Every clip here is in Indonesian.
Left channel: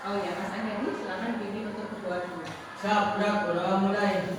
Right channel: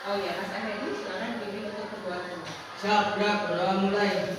Oh ya, Mas Effendi, silakan bimbing untuk kedua dulu. Siap, mulai.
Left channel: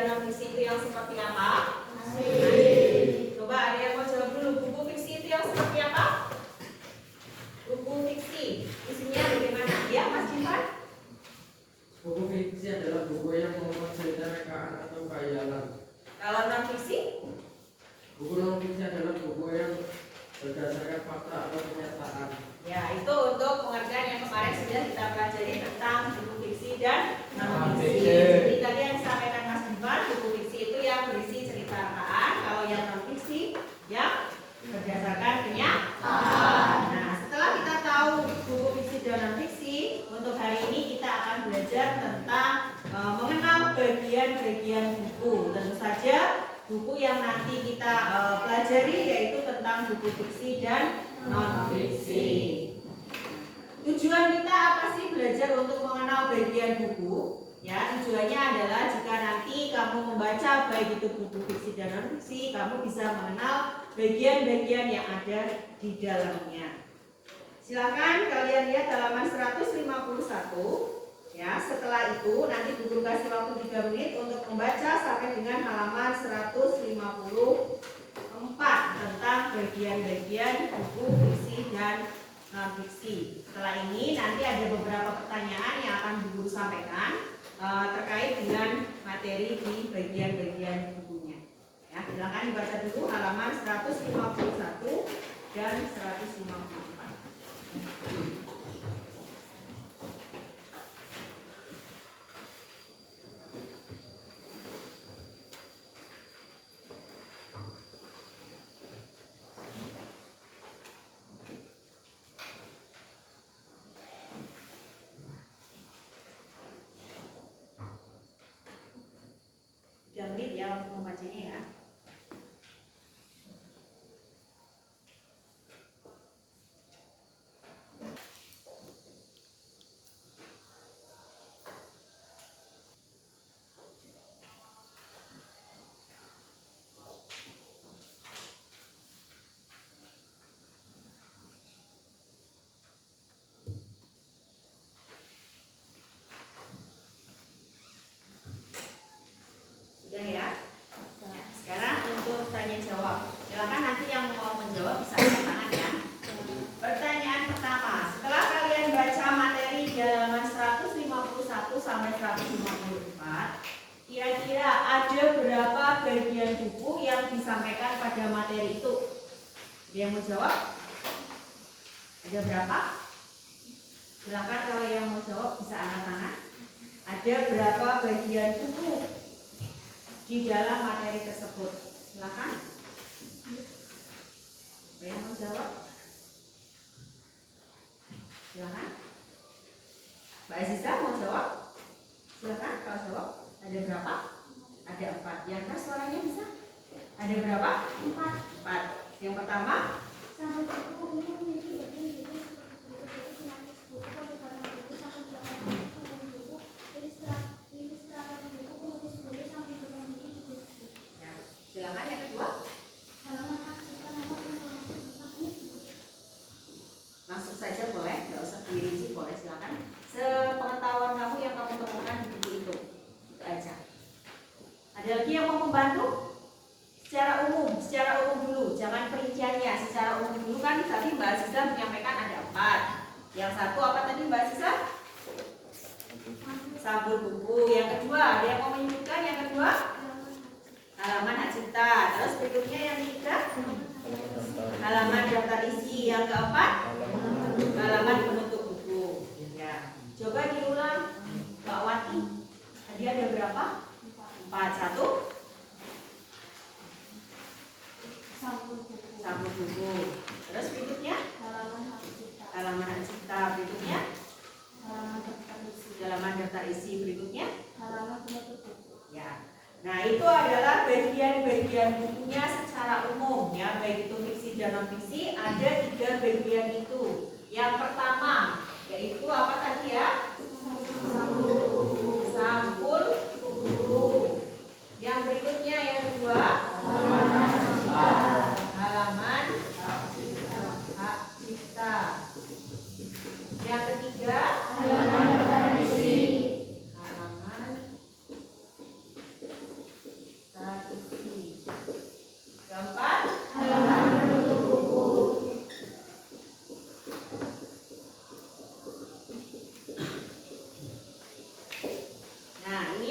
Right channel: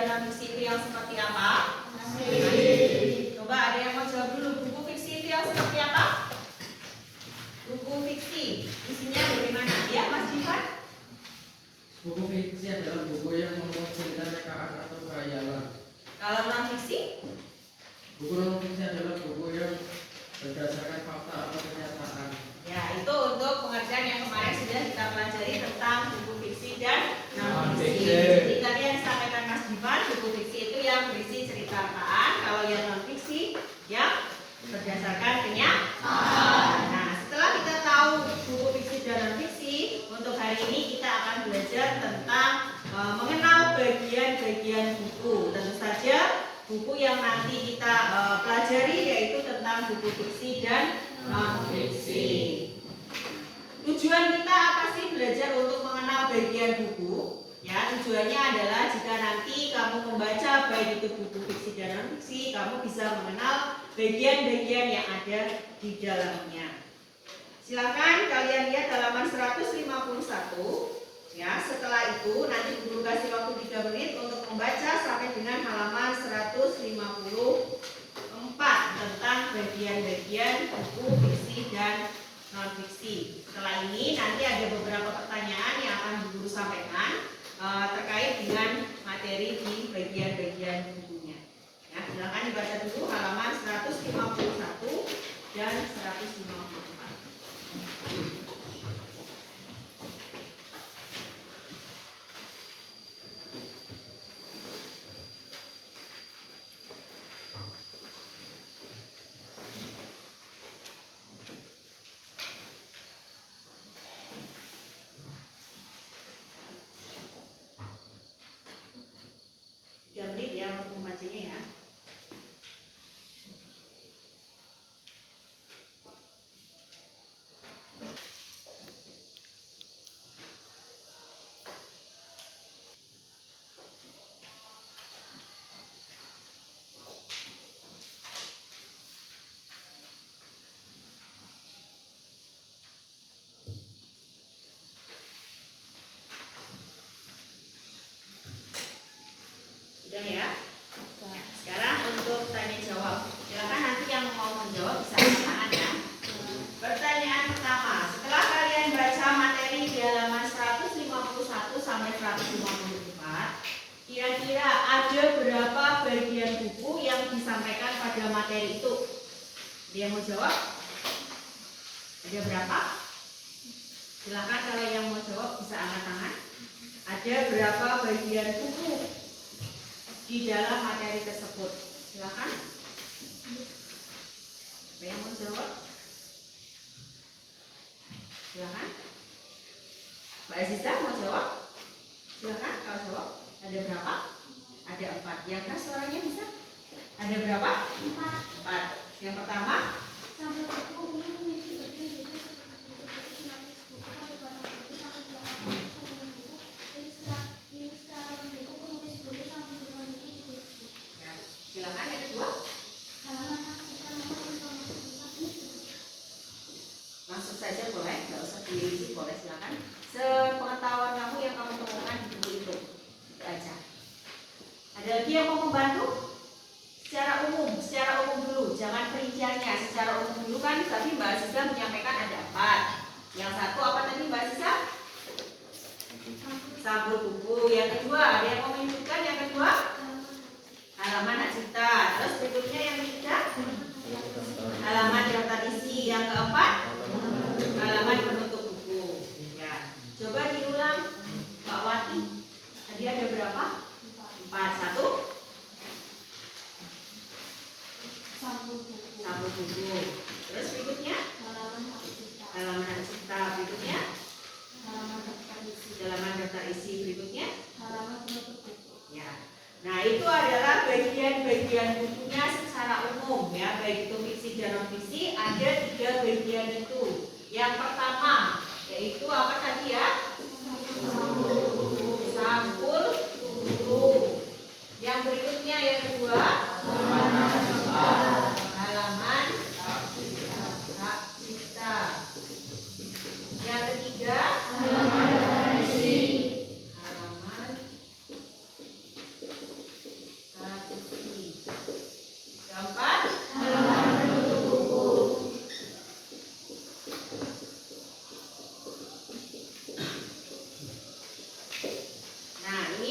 dan non fiksi itu yang seperti apa? Coba ada yang mau jawab dulu, buku fiksi itu yang seperti apa? Buku fiksi isinya bagaimana? Ya Mas Jivan? Buku fiksi adalah buku yang memuat cerita rekaan atau khayalan. Kalau non fiksi? Buku non fiksi adalah buku yang berdasarkan fakta atau kenyataan. Ya, itu untuk pengertian yang kemarin sudah kita pelajari tentang buku fiksi dan non fiksi. Jadi tadi yang disampaikan Mas Jivan, buku fiksi itu yang berisi cerita rekaan, kalau yang non fiksi yang berdasarkan kenyataan. Nah, setelah kita tahu buku fiksi dan non fiksi, untuk hari ini kita akan belajar tentang mengenal bagian-bagian buku. Tentu saja buku yang nanti kita pelajari yaitu tentang buku fiksi dan non fiksi. Tujuan kita apa sih belajar untuk mengenal bagian buku? Ya, tujuannya adalah jika nanti kamu membaca baik itu buku fiksi dan non fiksi, kamu bisa mengenal bagian-bagian yang ada di dalamnya. Silakan kalian lihat halaman 151. Ya, setelah itu nanti guru kasih waktu 3 menit untuk membaca sampai dengan halaman 154 tentang bagian-bagian buku fiksi dan non fiksi. Setelah ini nanti ada beberapa pertanyaan yang akan guru sampaikan terkait dengan materi di bagian-bagian bukunya. Ya, silakan dibaca dulu halaman 151 dan 154. Menit ya untuk membacanya ya. Sudah ya? Sekarang untuk tanya jawab. Silakan nanti yang mau menjawab bisa angkat tangan ya. Pertanyaan pertama, setelah kalian baca materi di halaman 151 sampai 154, kira-kira ada berapa bagian buku yang disampaikan pada materi itu? Dia mau jawab? Ada berapa? Silakan kalau yang mau jawab bisa angkat tangan. Ada berapa bagian buku di dalam materi tersebut? Silakan. Apa yang mau jawab? Silakan. Mbak Aziza mau jawab? Silakan kalau jawab. Ada berapa? Ada 4. Yang keras suaranya bisa? Ada berapa? 4. Yang pertama? Silakan yang kedua. Langsung saja boleh, nggak usah dirinci, boleh silakan. Sepengetahuan kamu yang kamu temukan di buku itu aja. Ada lagi yang mau membantu? Secara umum dulu, jangan perinciannya. Secara umum dulu kan tadi Mbak Aziza menyampaikan ada 4. Yang satu apa tadi Mbak Aziza? Sampul buku. Yang kedua, ada yang mau menyebutkan yang kedua? Halaman hak cipta. Terus berikutnya yang ketiga, halaman daftar isi. Yang keempat, halaman penutup buku. Ya, coba diulang, Mbak Wati. Tadi ada berapa? 4. Satu, sampul buku. Terus berikutnya, halaman hak cipta. Berikutnya, halaman daftar isi. Berikutnya, halaman penutup buku. Ya. Nah, itu adalah bagian-bagian bukunya secara umum ya, baik itu fiksi dan non fiksi, ada 3 bagian itu. Yang pertama yaitu apa tadi ya? Sampul buku. Yang berikutnya yang kedua, halaman hak cipta. Yang ketiga, halaman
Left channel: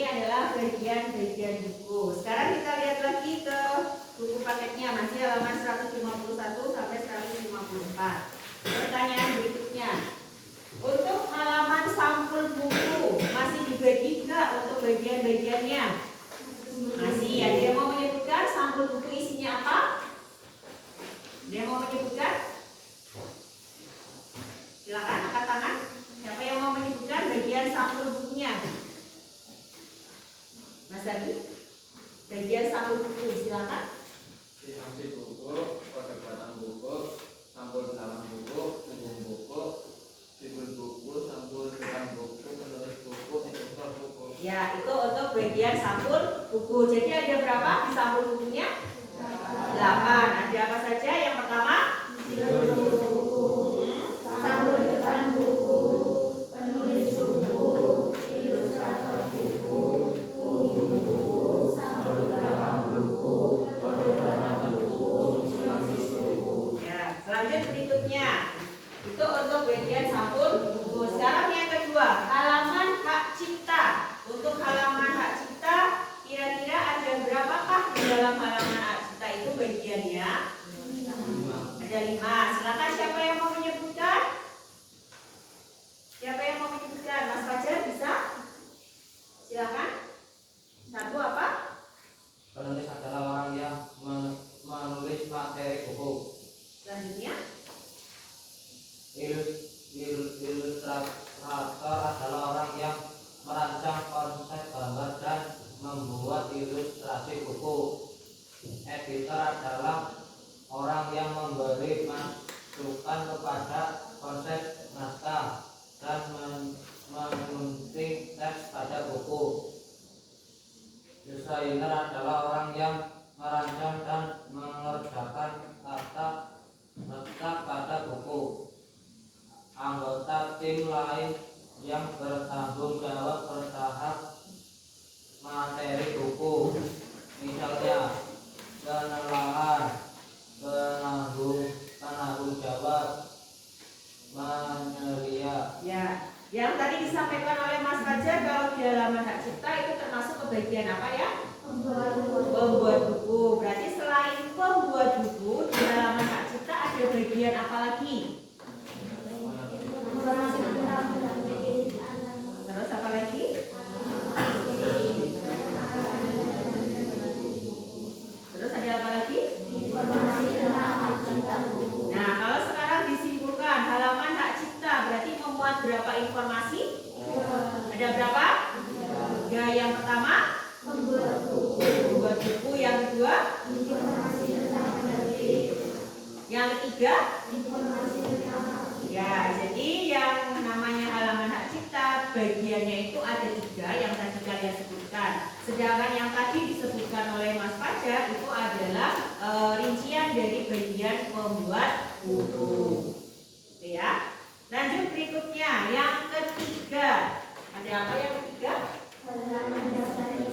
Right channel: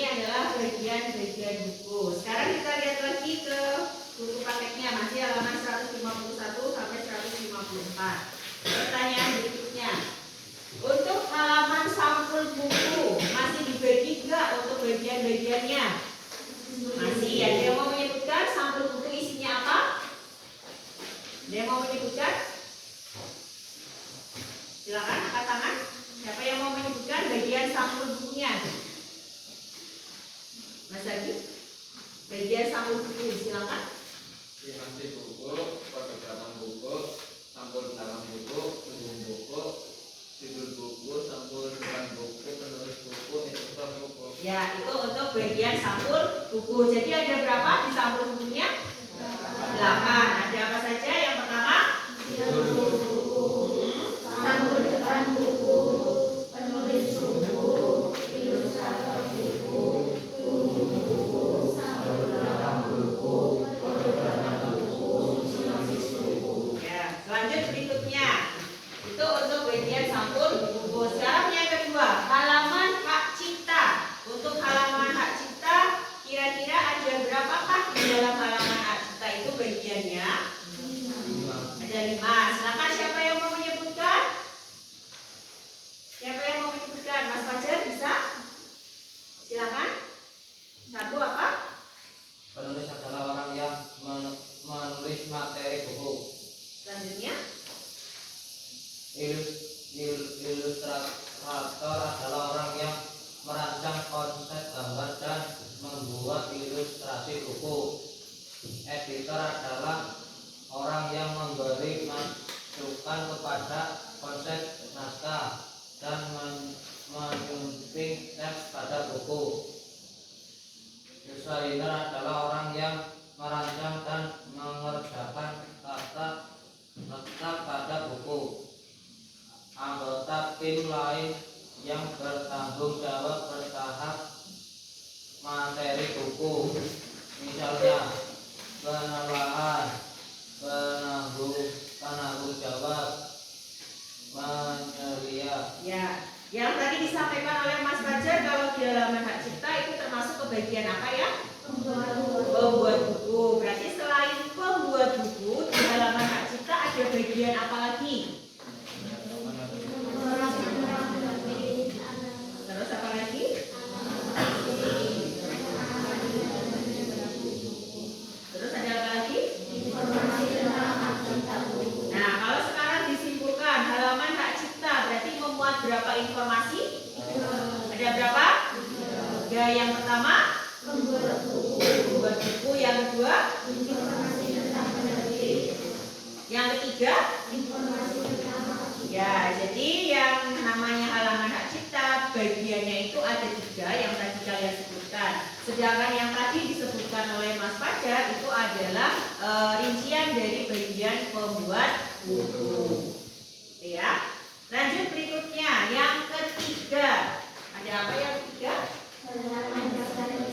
adalah bagian-bagian buku. Sekarang kita lihat lagi ke buku paketnya, masih halaman 151 sampai 154. Pertanyaan berikutnya, untuk halaman sampul buku masih dibagi nggak untuk bagian-bagiannya? Masih. Ada yang mau menyebutkan sampul buku isinya apa? Ada yang mau menyebutkan? Silakan angkat tangan. Siapa yang mau menyebutkan bagian sampul bukunya? Mas Adi, bagian sampul buku, silakan. Instansi buku, perdebatan buku, sampul dalam buku, ujung buku, judul buku, sampul depan buku, penulis buku, instruktur buku. Ya, itu untuk bagian sampul buku. Jadi ada berapa di sampul bukunya? 8. Ada apa saja? Yang pertama, sampul depan buku, penulis buku, ilustrator buku, ujung buku, sampul belakang buku, perdebatan buku, sinopsis buku. ya, selanjut berikutnya. Itu untuk bagian sampul buku. Sekarang yang kedua, halaman hak cipta. Untuk halaman hak cipta, kira-kira ada berapakah di dalam halaman hak cipta itu bagiannya? Ada 5. Silakan siapa yang mau menyebutkan? Siapa yang mau menyebutkan? Mas Fajar bisa? Silakan. 1 apa? Penulis adalah orang yang menulis materi buku. Selanjutnya, Ilustrator adalah orang yang merancang konsep gambar dan membuat ilustrasi buku. Editor adalah orang yang memberi masukan kepada konsep naskah dan menyunting teks pada buku. Desainer adalah orang yang merancang dan mengerjakan tata letak pada buku. Anggota tim lain yang bertanggung jawab bertahap materi buku, misalnya penelahan, penanggung jawab, menyelia. ya, yang tadi disampaikan oleh Mas Fajar kalau di halaman hak cipta itu termasuk ke bagian apa ya? Pembuat buku. Berarti selain pembuat buku, di halaman hak cipta ada bagian apa lagi? Terus apa lagi? Terus ada apa lagi? Nah, kalau sekarang disimpulkan halaman hak cipta berarti memuat berapa informasi? Ada berapa? Ya, yang pertama membuat buku, yang kedua yang ketiga ya, jadi yang namanya halaman hak cipta bagiannya itu ada 3 yang tadi kalian sebutkan. Sedangkan yang tadi disebutkan oleh Mas Fajar itu adalah rincian dari bagian pembuat buku. Oke ya. Lanjut berikutnya, yang ketiga. Ada apa yang ketiga?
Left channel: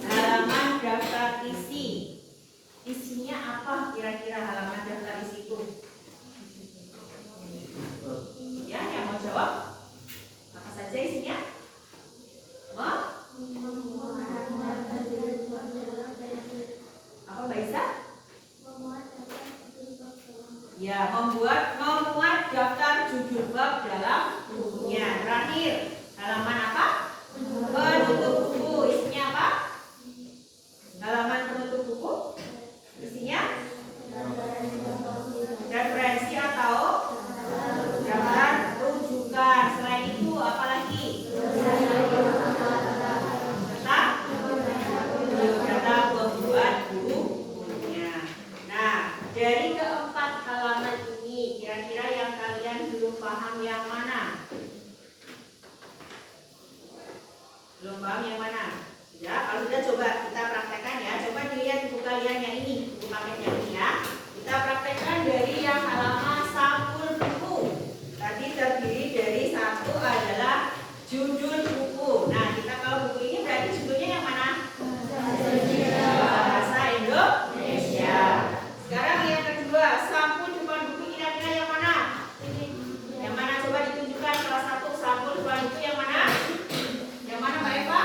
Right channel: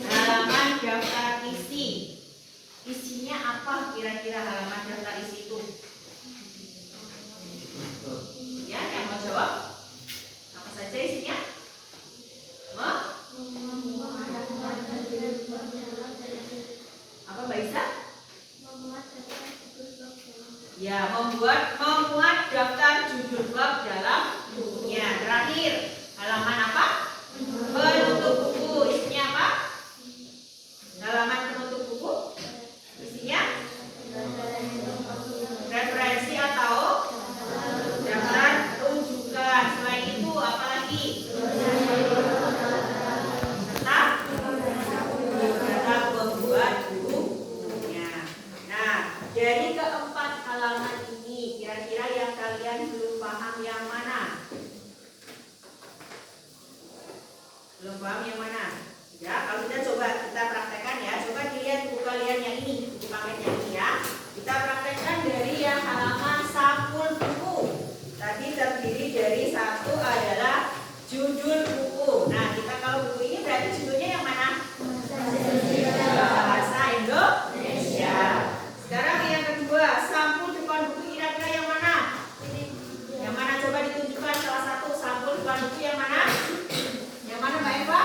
Halaman daftar isi. Isinya apa kira-kira halaman daftar isi itu? Ya, yang mau jawab? Apa saja isinya? Apa Mbak Isa? Ya, memuat daftar judul bab dalam bukunya. Terakhir, halaman apa? Penutup buku. Isinya apa? Halaman penutup buku isinya referensi atau daftar rujukan. Selain itu apa lagi? Data pembuat bukunya. Nah, dari keempat halaman ini kira-kira yang kalian belum paham yang mana? Belum paham yang mana? Ya, kalau sudah coba kita praktekkan ya. Coba dilihat buku kalian yang ini, buku paket yang ini ya. Kita praktekkan dari yang halaman sampul buku. Tadi terdiri dari 1 adalah judul buku. Nah, kita tahu buku ini berarti judulnya yang mana? Bahasa Indonesia. Sekarang yang kedua, sampul depan buku kira-kira yang mana? Yang mana coba ditunjukkan salah satu sampul depan buku yang mana? Yang mana Mbak Eva?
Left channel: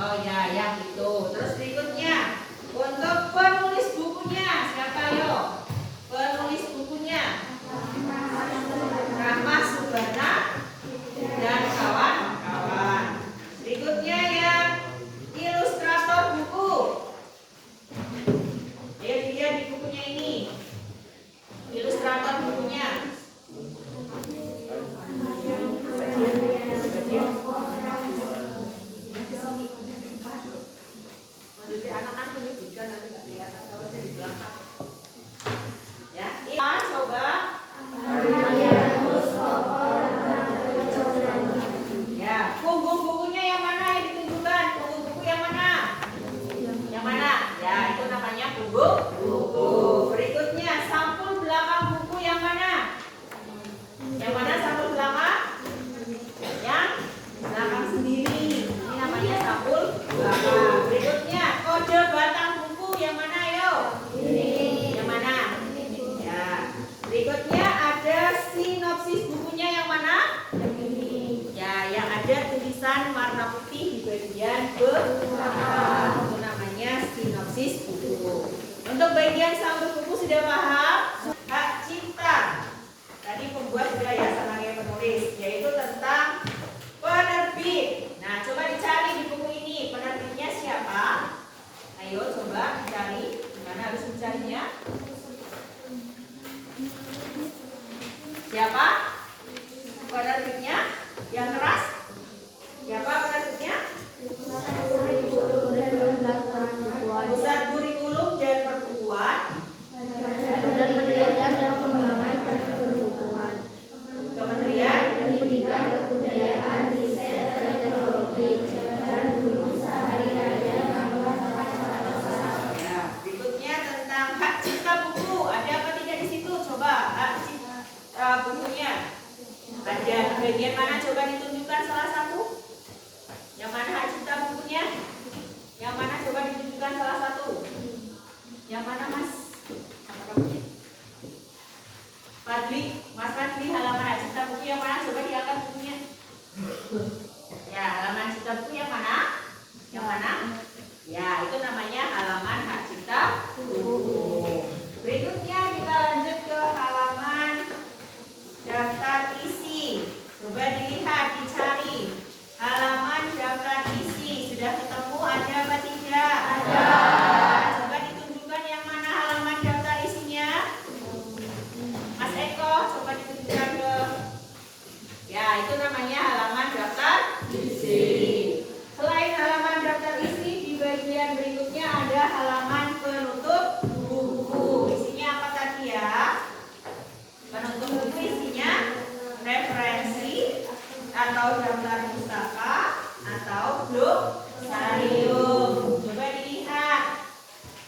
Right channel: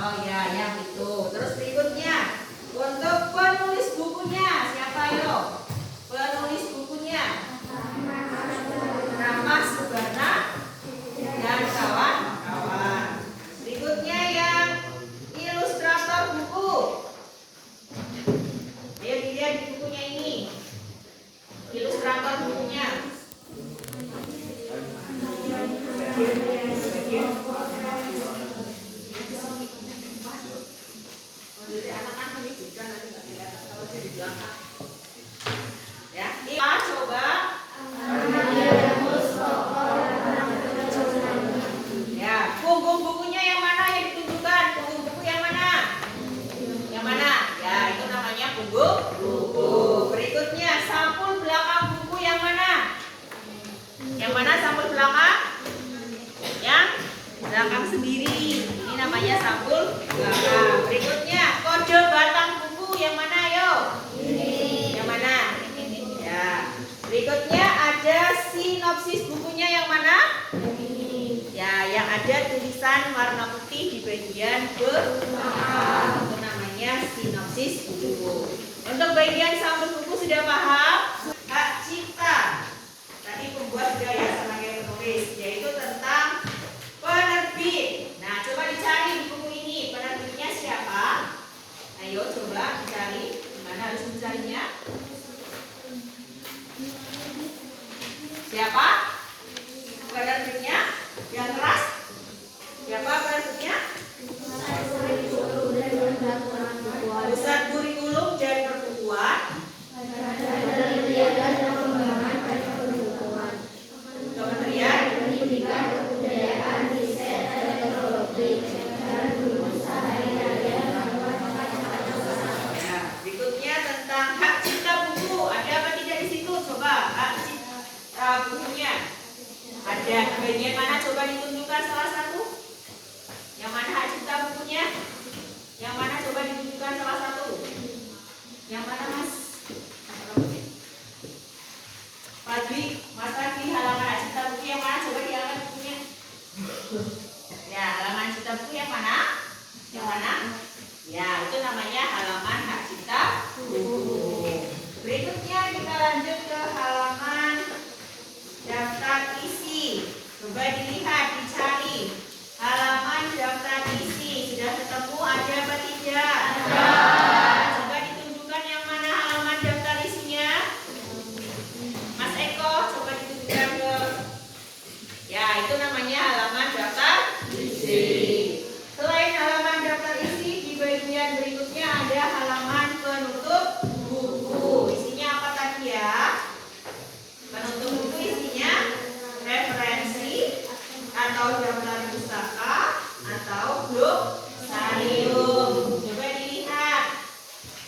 Oh ya, yang bagian belakang. Itu namanya sinopsis buku. Untuk bagian sampul buku sudah paham? Hak cipta. Tadi pembuat sudah ya sama kayak penulis, yaitu tentang penerbit. Nah, coba dicari di buku ini penerbitnya siapa? Ayo coba dicari. Gimana harus mencarinya? Siapa? Penerbitnya? Yang keras? Siapa penerbitnya? Pusat Kurikulum dan Perbukuan. Kementerian Pendidikan, Kebudayaan, Riset, Teknologi, dan Guru Sehari-hari. Ya, berikutnya tentang hak cipta buku. Ada apa tidak di situ? Coba hak cipta bukunya. Ada bagian mana? Coba ditunjukkan salah satu. Yang mana hak cipta bukunya? Yang mana? Coba ditunjukkan salah satu. Yang mana, Mas? Fadli, Mas Fadli, halaman hak cipta buku yang mana? Coba diangkat bukunya. Ya, halaman cipta buku yang mana? Yang mana? Ya, itu namanya halaman hak cipta buku. Berikutnya kita lanjut ke halaman daftar isi. Coba dilihat, dicari. Halaman daftar isi sudah ketemu, ada apa tidak? Ada. Coba ditunjukkan yang mana halaman daftar isinya. Mas Eko, coba ditunjukkan ke. Ya, itu namanya halaman daftar isi. Selain halaman daftar isi, di bagian berikutnya ada halaman penutup buku. Isinya apa tadi ya? Penutup buku isinya referensi atau daftar pustaka atau glosarium. Coba dilihat.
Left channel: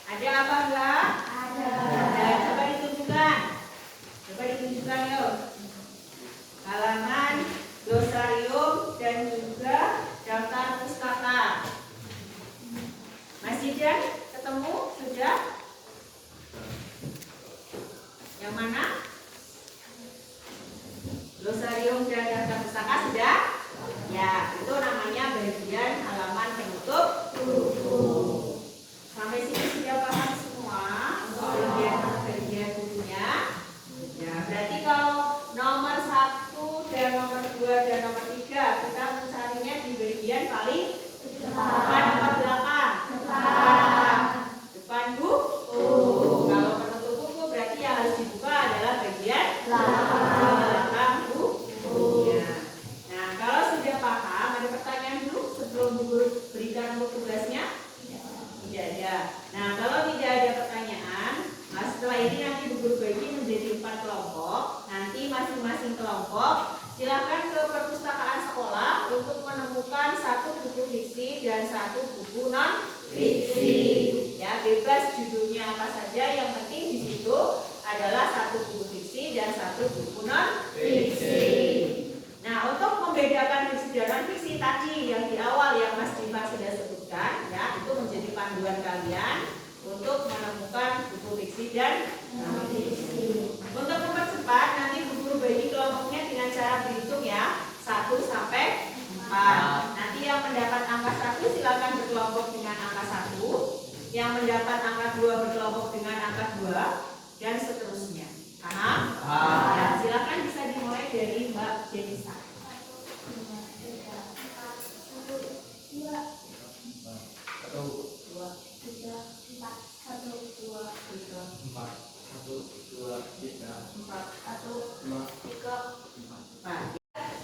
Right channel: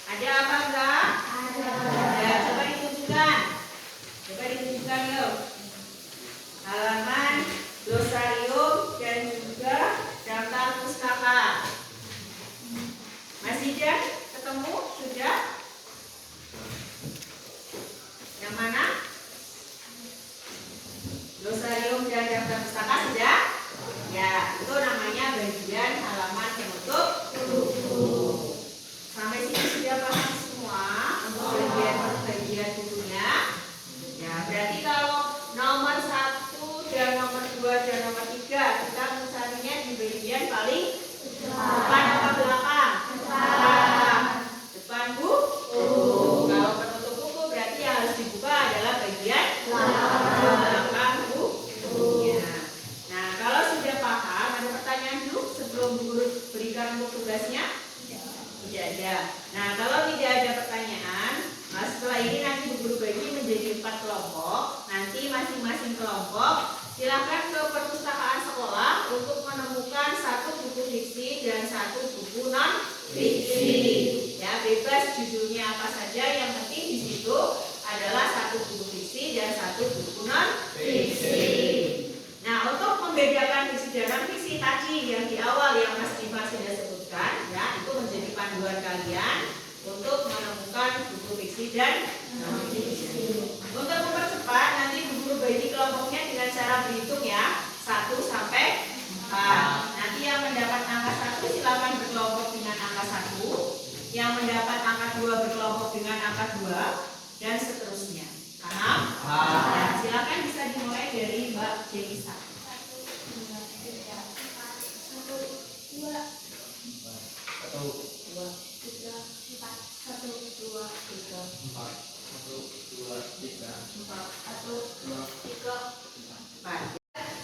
Ada apa enggak? Ada. Ya, coba ditunjukkan. Coba ditunjukkan yuk. Halaman glosarium dan juga daftar pustaka. Masih ada? Ketemu? Sudah? Yang mana? Glosarium dan daftar pustaka sudah? Ya, itu namanya bagian halaman penutup buku. Sampai sini sudah paham semua bagian bukunya. Ya, berarti kalau nomor 1 dan nomor 2 dan nomor 3 kita mencarinya di bagian paling depan atau belakang? Depan buku. Kalau penutup buku berarti yang harus dibuka adalah bagian belakang bukunya. Nah, kalau sudah paham, ada pertanyaan dulu sebelum guru berikan untuk tugasnya? Tidak ada. Nah, kalau tidak ada pertanyaan, nah setelah ini nanti guru bagi menjadi 4 kelompok. Nanti masing-masing kelompok silakan ke perpustakaan sekolah untuk menemukan 1 buku fiksi dan 1 buku non fiksi. Ya, bebas judulnya apa saja, yang penting di situ adalah 1 buku fiksi dan 1 buku non fiksi. Nah, untuk membedakan fiksi dan non fiksi tadi yang di awal yang Mas Diva sudah sebutkan, ya, itu menjadi panduan kalian untuk menemukan buku fiksi dan non fiksi. Untuk mempercepat, nanti guru bagi kelompoknya dengan cara berhitung ya, 1 sampai 4. Nanti yang mendapat angka 1 silakan berkelompok dengan angka 1, yang mendapat angka 2 berkelompok dengan angka 2, dan seterusnya. Paham? Ya, silakan bisa dimulai dari Mbak Jenisa. 4.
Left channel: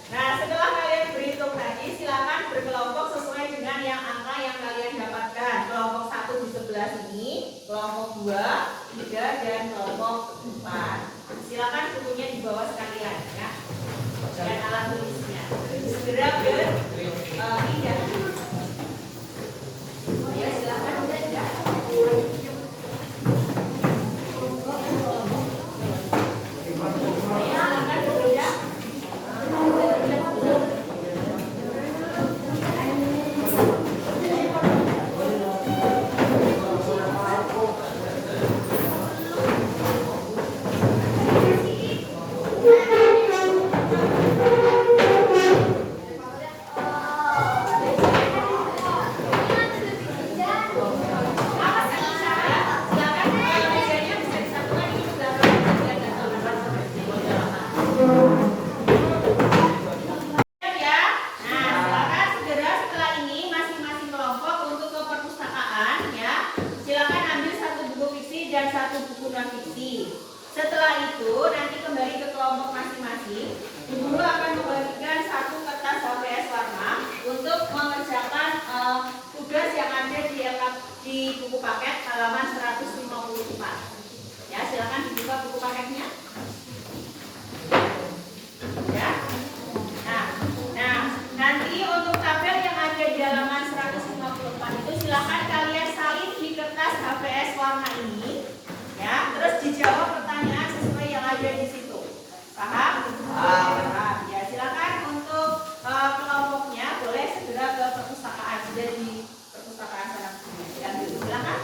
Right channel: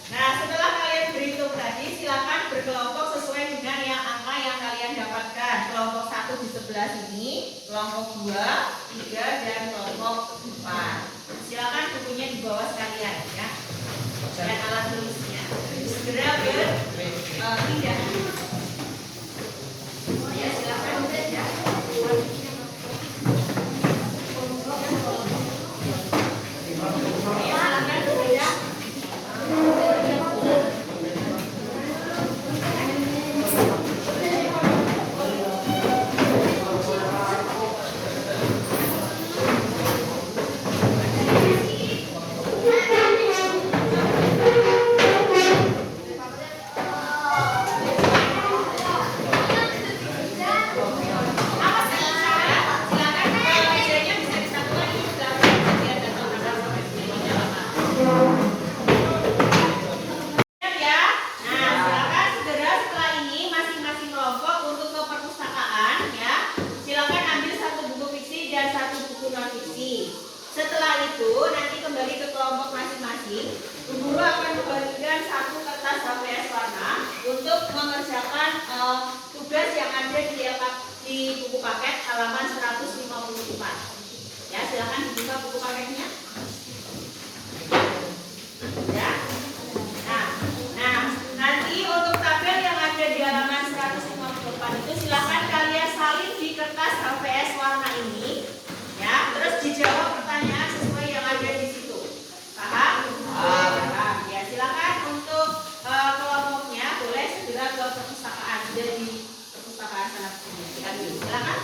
Nah, setelah kalian berhitung tadi, silakan berkelompok sesuai dengan yang angka yang kalian dapatkan. Kelompok 1 di sebelah sini, kelompok 2, 3, dan kelompok 4. Silakan bukunya di bawah sekalian ya. Dan alat tulisnya. Segera berpindah. Ya, silakan ya. non fiksi. Setelah itu nanti kembali ke kelompok masing-masing. Guru akan membagikan satu kertas HVS warna untuk mengerjakan tugas yang ada di buku paket halaman 154. Ya, silakan dibuka buku paketnya. Ya. Nah, nanti untuk tabel yang ada di halaman 154 itu silakan kalian salin di kertas HVS warna ini. Ya, terus dijawab pertanyaan sesuai yang ada di situ. Paham? Paham. Ya, silakan untuk kelompoknya boleh segera ke perpustakaan, sudah di perpustakaan sana diambil. Silakan.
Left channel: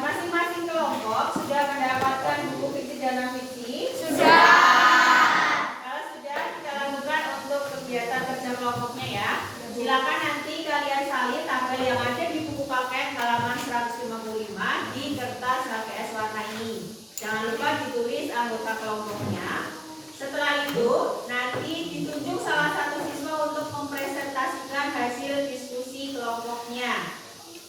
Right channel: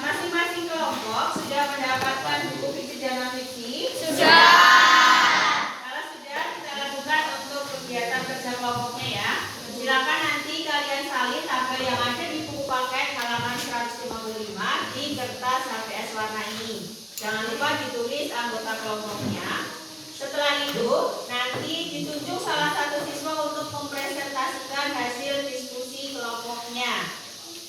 Masing-masing kelompok sudah mendapatkan buku fiksi dan non fiksi? Sudah. Kalau sudah, kita lakukan untuk kegiatan kerja kelompoknya ya. Silakan nanti kalian salin tabel yang ada di buku paket halaman 155 di kertas HVS warna ini. Jangan lupa ditulis anggota kelompoknya. Setelah itu, nanti ditunjuk salah satu siswa untuk mempresentasikan hasil diskusi kelompoknya.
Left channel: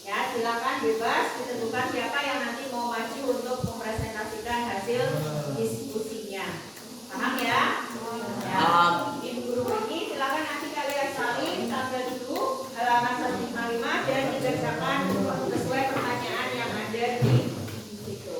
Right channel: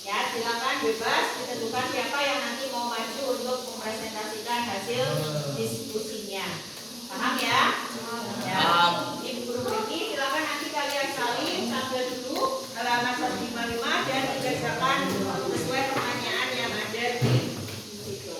Ya, silakan bebas ditentukan siapa yang nanti mau maju untuk mempresentasikan hasil diskusinya. Paham ya? Ya. Ibu guru ini silakan nanti kalian salin tabel dulu halaman 155 dan dikerjakan sesuai pertanyaan yang ada di situ.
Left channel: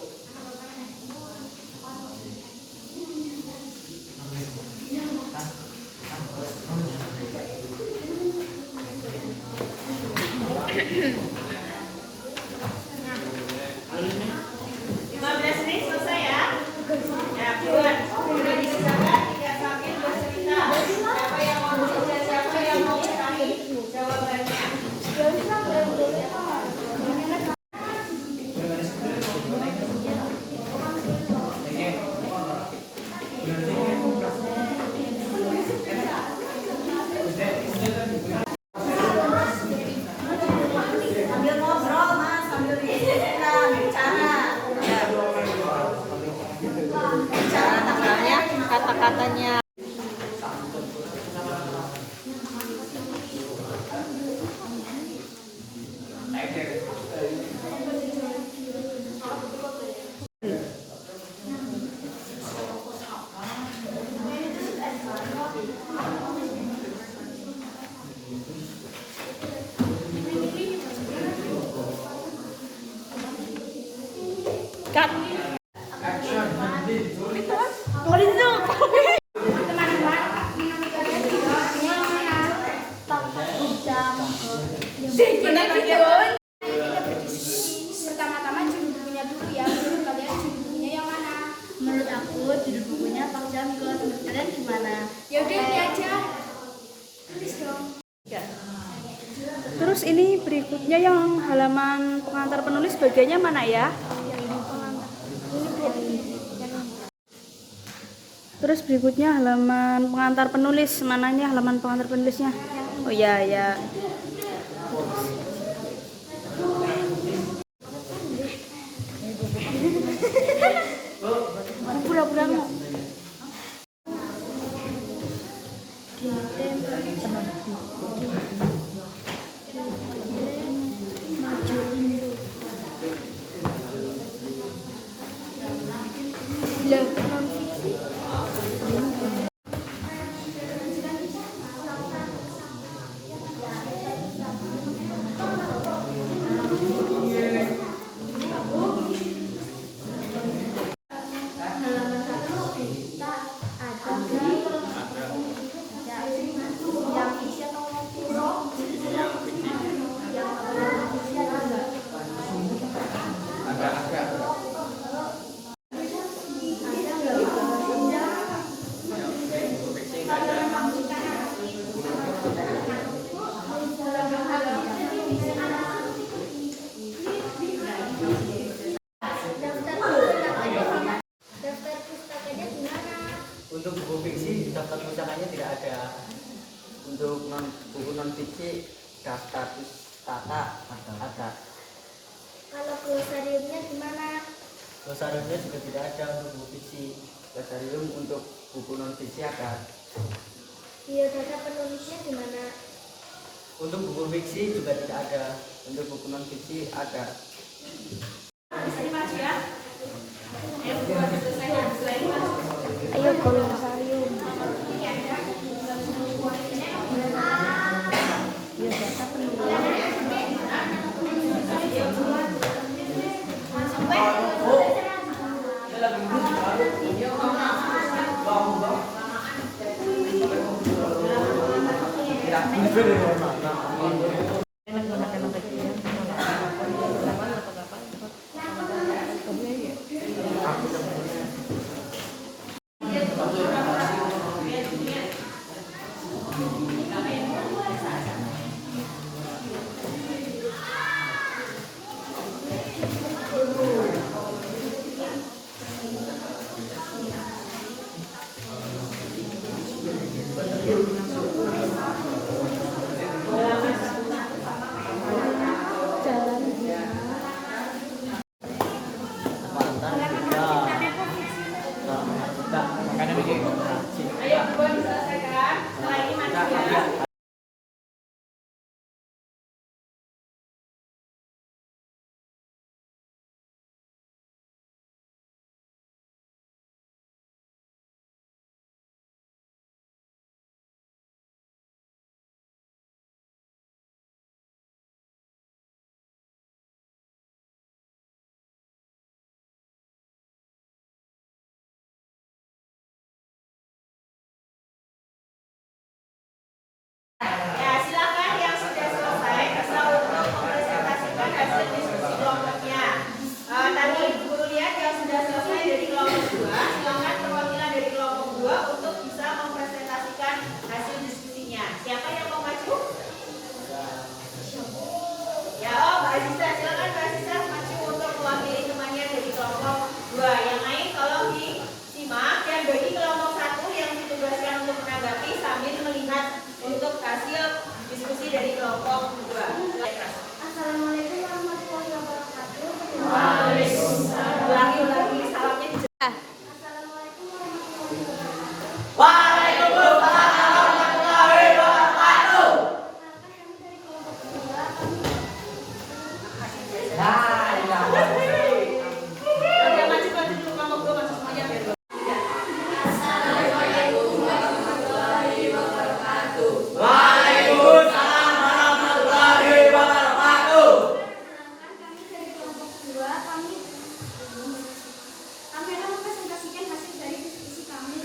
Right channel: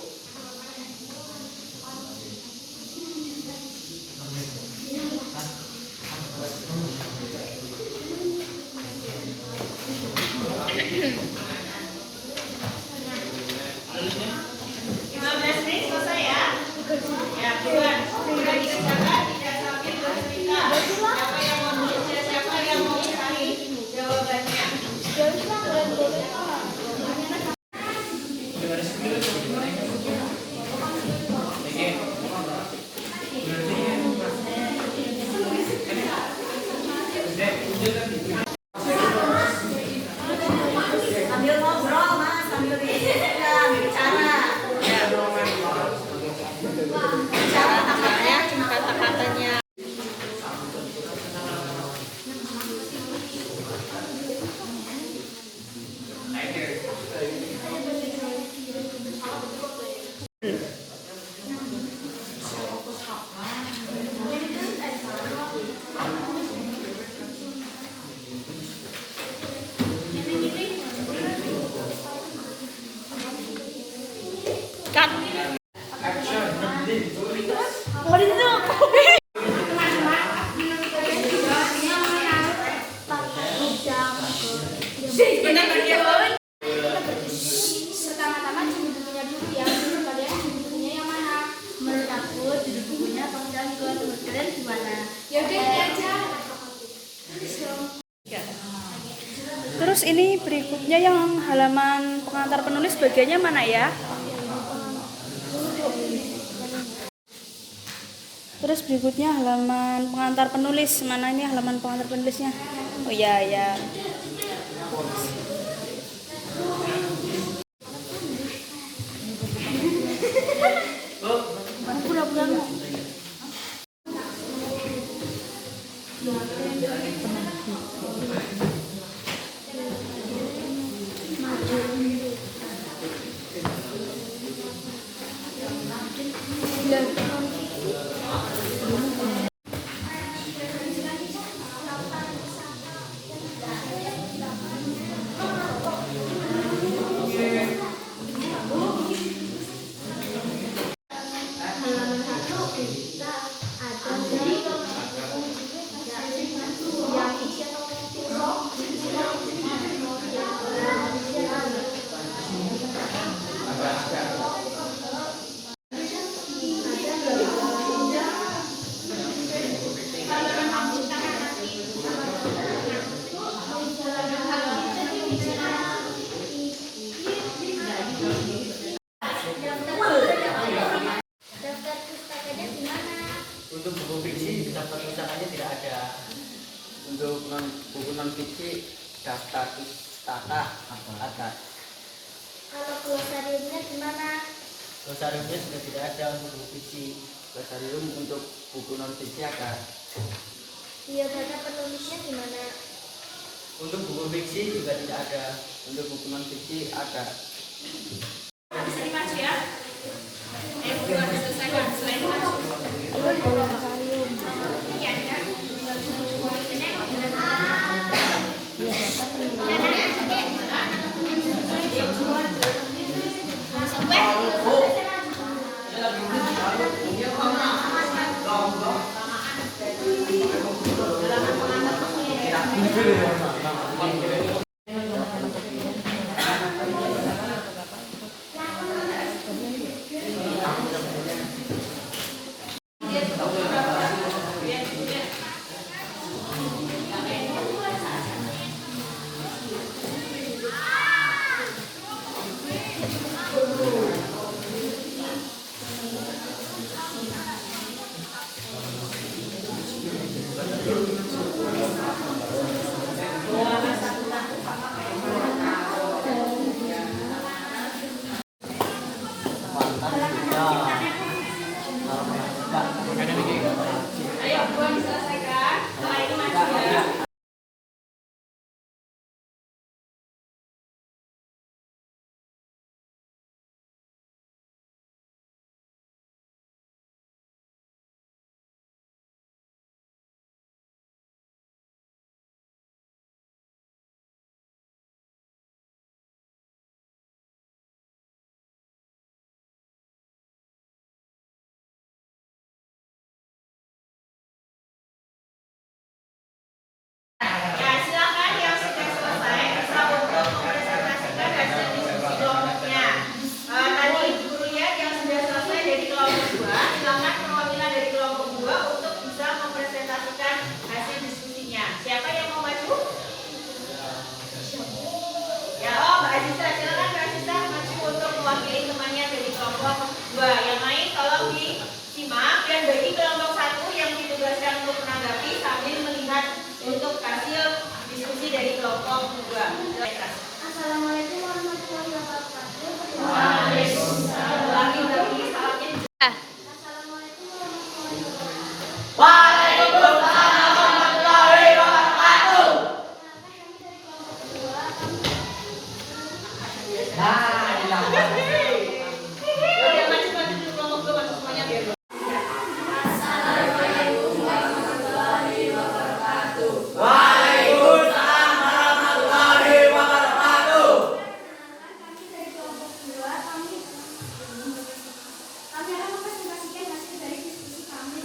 Sambil ngobrol mas, sambil bicara. Bicara tangannya, kata-katanya. Pertama-tama judul bukunya dulu ya. Menurut kalian judul bukunya yang mana? Menurut aku judul bukunya Panggilan ke Kalian gimana? Ya udah ini aja. Terus ini berikutnya yang halaman pengantar penulis bagiannya mana ya? Terus berikutnya halaman pengantar penulis, mananya halaman pengantar penulisnya? Oh iya ya. Pura-pura Daftar pustakanya di mana? Untuk buku fiksi daftar pustakannya tidak ada. Untuk buku non fiksi daftar pustaka ada. Kalau glosariumnya di mana? Glosariumnya juga tidak ada untuk buku fiksi. Glosarium untuk buku non fiksi ada. Biodata penulisnya di mana? Untuk buku fiksi juga tidak ada. Untuk buku non fiksi ada. Bisa dimaju ya. Bukan diselesaikan, selain maju. Ayo glosarium. Iya, ya. Biodata penulis. Ayo, bukan diselesaikan. Mulai ini maju ya. Ya, silakan yang sudah selesai bisa untuk mempresentasikan hasil diskusi kelompoknya. Tadi Ibu Guru lihat yang sudah selesai dari kelompok 2, silakan perwakilan dari kelompok 2 untuk bisa mempresentasikan hasil diskusinya. Siapa yang mau maju? Ya, Mbak Aziza, silakan Mbak Aziza maju untuk mewakili temannya dari kelompok 2. Yang lain tolong disimak dan bagi kelompok 1 yang ditugaskan untuk menanggapi sambil melihat untuk hasil diskusi dari kelompok 2. Assalamualaikum warahmatullahi wabarakatuh. Waalaikumsalam. Ulangi salamnya. Assalamualaikum warahmatullahi wabarakatuh. Waalaikumsalam warahmatullahi wabarakatuh. Perkenalkan kami dari kelompok 2. Kami Oke, maju dulu kelompok 2 maju semuanya biar. Perkenalkan kami dari kelompok 2. Kami akan mempresentasikan hasil dari diskusi kami.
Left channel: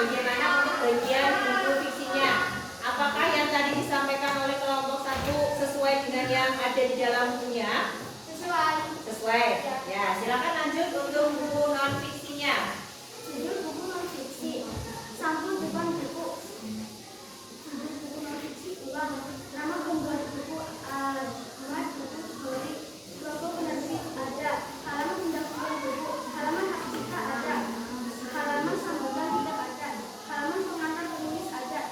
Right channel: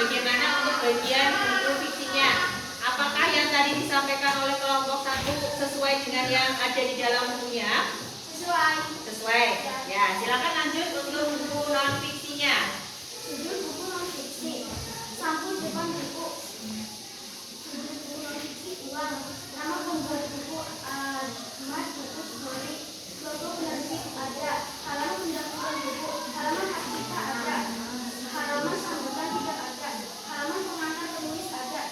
bagaimana untuk bagian buku fiksinya. Apakah yang tadi disampaikan oleh kelompok 1 sesuai dengan yang ada di dalam bukunya? Sesuai. Sesuai. Ya, silakan lanjut untuk buku non fiksinya. Judul buku non fiksi. Sampul depan buku. Judul buku non fiksi uang. Nama pembuat buku Ahmad Buku Story. Logo penerbit ada. Halaman pendaftaran buku. Halaman hak cipta ada. Halaman sambutan tidak ada. Halaman pengantar penulis ada.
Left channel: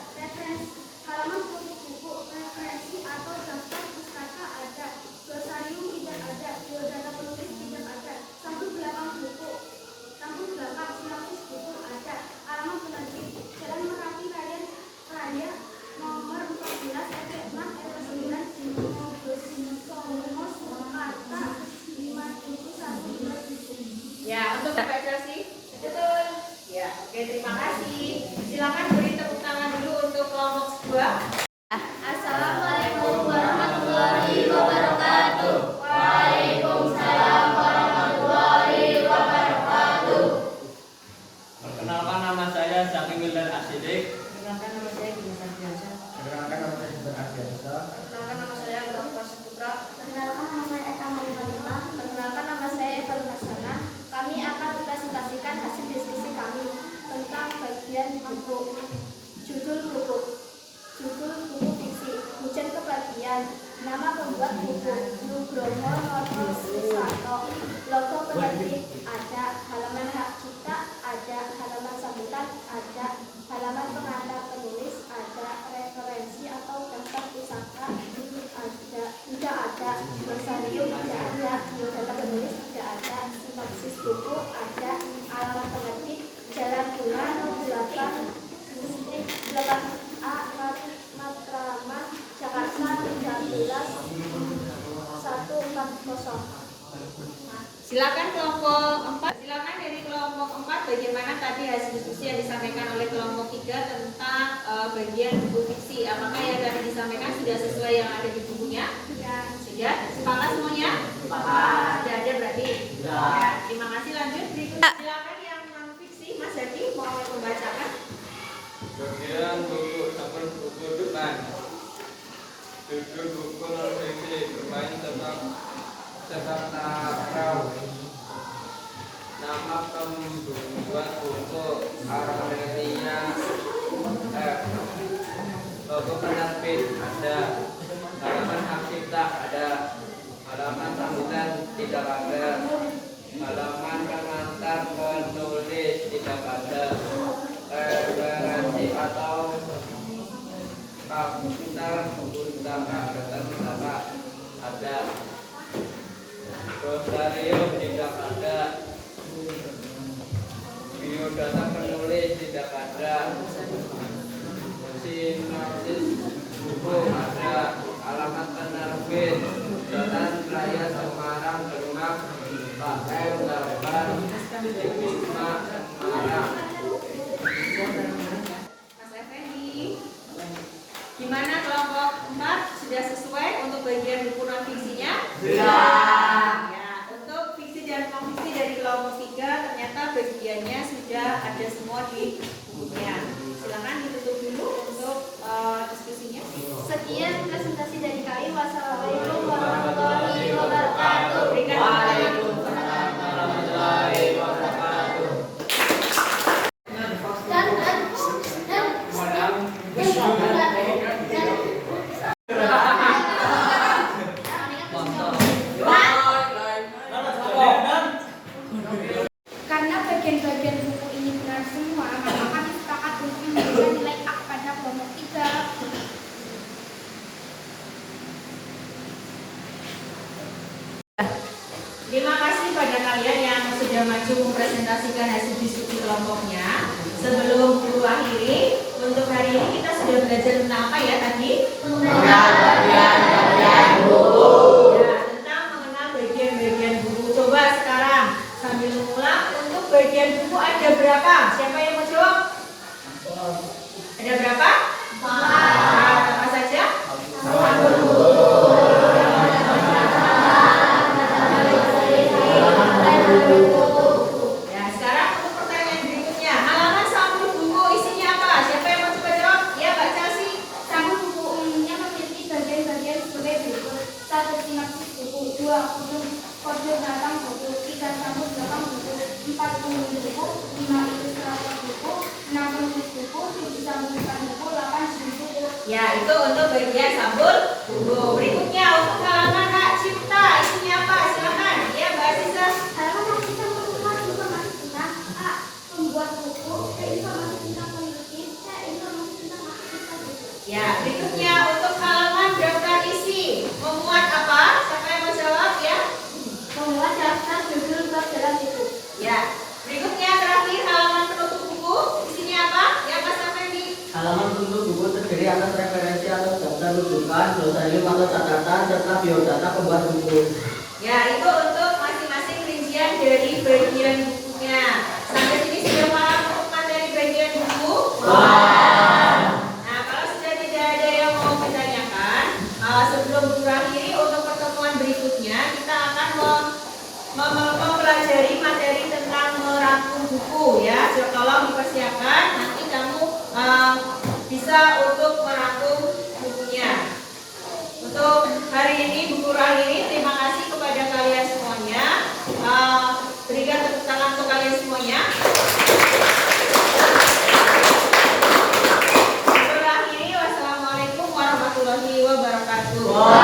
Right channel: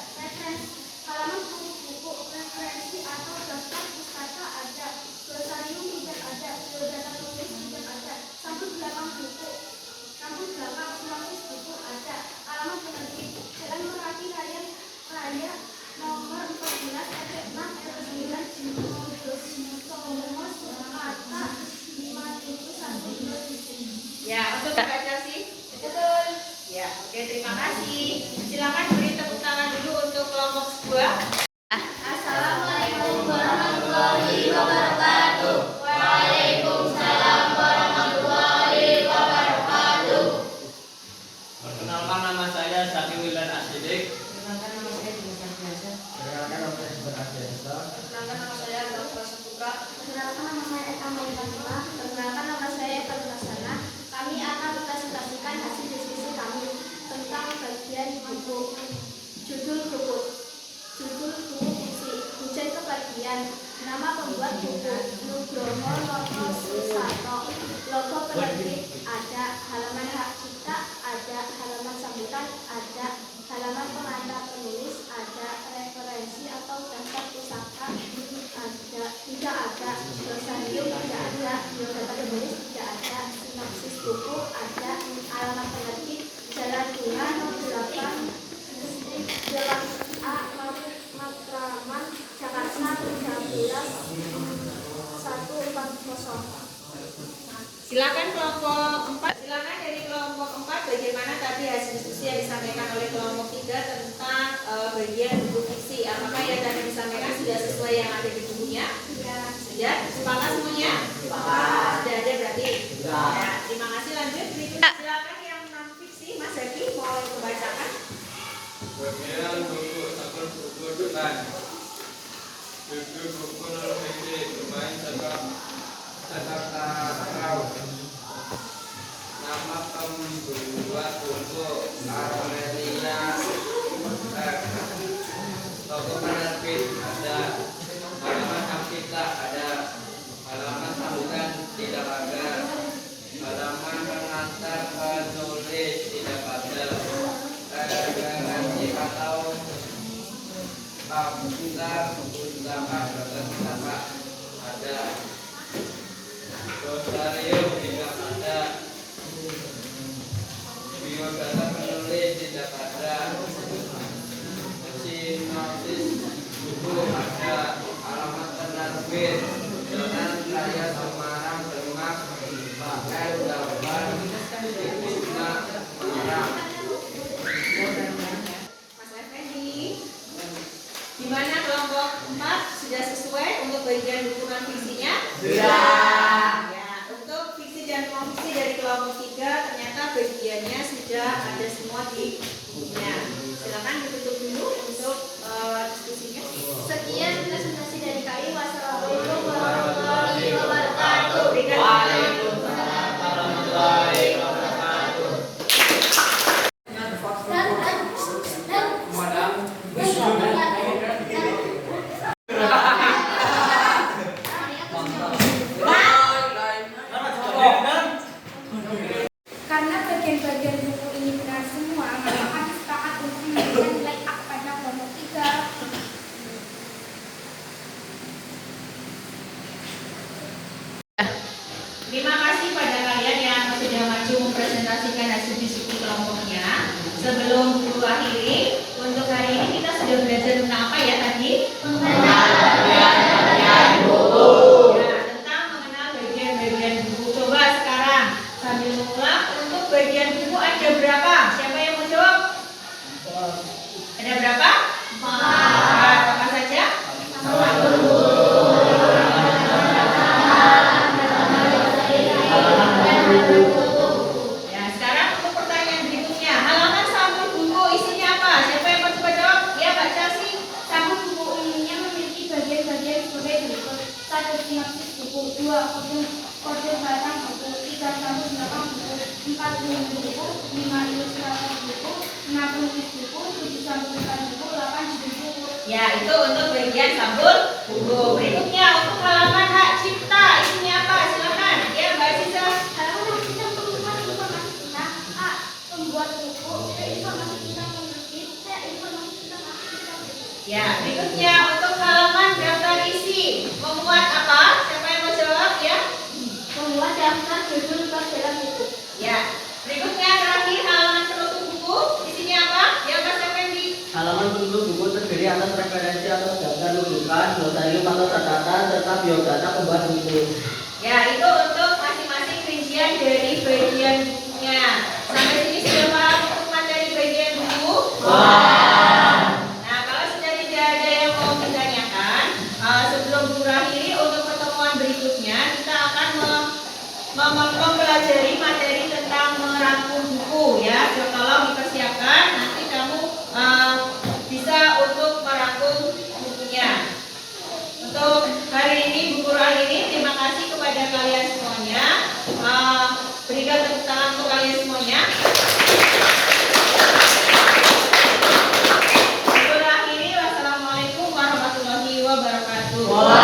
Halaman topik buku. Referensi atau daftar pustaka ada. Glosarium tidak ada. Biodata penulis tidak ada. Sampul belakang buku. Sampul belakang sinopsis buku ada. Alamat penerbit Jalan Merapi Raya nomor 14 RT 6 RT 9 Songo Surakarta 571. Ya, untuk membaca sih. Betul. Ya, oke, terima kasih. Silakan beri tepuk tangan dulu untuk kelompok 2. Assalamualaikum warahmatullahi wabarakatuh. Waalaikumsalam warahmatullahi wabarakatuh. Perkenalkan, nama saya Zaki Wildan Asidik. Perkenalkan, nama saya Dimas Biasa. Perkenalkan, nama saya Subhan Ardiansa. Perkenalkan, nama saya Abdul Saputra. Perkenalkan, nama saya Eka Malikanima. Perkenalkan, nama saya Eka Lumasana. Kami akan presentasikan hasil diskusi kami tentang bagian buku. Judul buku. Judul buku fiksi. Hujan Kebahagiaan. Nama pembuat buku Nugroho Noto Susanto. Logo penerbit ada. Halaman hak cipta ada. Halaman sambutan ada. Halaman pengantar penulis ada. Referensi atau daftar pusaka ada. Tidak ada. Glosarium tidak ada. Biodata penulis tidak ada. Sinopsis buku ada. Alamat penerbit Jalan Bunga 8A Matraman Jakarta 13.140. Silakan kelompok 4. Silakan dari kelompok 4 bagaimana tadi hasil diskusi yang disampaikan oleh kelompok 3 tentang bagian buku fiksi. Apakah yang tadi disampaikan sudah sesuai yang ada di bukunya? Sudah. Sepakat semuanya? Sepakat. Sudah ada berarti? Ya, terima kasih. Lanjut berikutnya. Silakan yang non fiksi, Mas Devi mulai membacakan. Bagian buku sampul buku depan. Judul buku non fiksi bermain sepak takraw. Nama pembuat buku Armelia F. Logo penerbit ada. Halaman hak cipta ada. Halaman sambutan tidak ada. Halaman pengantar penulis tidak ada. Referensi atau daftar pustaka ada. Glosarium tidak ada. Biodata penulis tidak ada. Sinopsis buku ada. Alamat penerbit Jalan Raya Semarang Demak pakai gambar Wisma Semarang. Mas Effendi, gimana kelompok 4 sudah sesuai untuk bagian buku non fiksinya? Sudah. Ya, untuk fiksi dan non fiksi dari kelompok 3 ternyata bagiannya sudah ada semua di bukunya. Silakan ditutup dulu untuk diskusinya. Sekian presentasi dari kami. Wassalamualaikum warahmatullahi wabarakatuh. Waalaikumsalam warahmatullahi wabarakatuh. Karena bagian-bagian buku ini benar semua, maka kami sepakat untuk memberikan nilai A pada kelompok 3. Terima kasih pada kalian yang sudah maju mempresentasikan hasil diskusi kelompoknya. Sebelum guru akhiri, untuk hari ini kita sudah belajar tentang apa ya tadi? Mengenal bagian-bagian buku. Ya, tentang mengenal bagian-bagian buku. Coba sekarang sambil mengulang, untuk bagian buku ada berapa? Siapa yang mau jawab? Ada berapa? 4. Apa saja? Ya, sekarang untuk pertanyaan berikutnya. Halaman sampul buku sampul depan buku 8 di buku. Ya, itu untuk bagian sampul buku. Berikutnya untuk halaman hak cipta, isinya apa? Silakan. Ya, Mbak Sisa. Halaman hak cipta merupakan informasi tentang A. Pembuat buku, B. Informasi tentang penerbit, C. Informasi tentang aktivitas buku. Ya, berikutnya untuk halaman daftar isi. Memuat apa? Siapa yang mau jawab ya? Membuat daftar judul pelajaran buku. Ya. Berikutnya terakhir halaman penutup buku. Isinya apa? Ya, Mas Effendi. Halaman penutup buku terdiri atas referensi atau daftar rujukan, dosa ilmu atau catatan, serta biodata pembuat buku. Ya, itu untuk masing-masing rincian dari bagian bukunya. Sampai sini sudah paham untuk materi bagian buku? Nah, kalau sudah tidak ada yang mau ditanyakan, sebelum berakhiri untuk pertemuan berikutnya kita akan mempelajari materi tentang merangkum buku ya. Jadi tolong dipersiapkan, nanti kamu bisa untuk merangkum bukunya. Untuk hari ini buku akhiri, terima kasih kepada kalian semuanya. Berikan tepuk tangan untuk kalian semuanya. Buku akhiri, wassalamualaikum warahmatullahi wabarakatuh.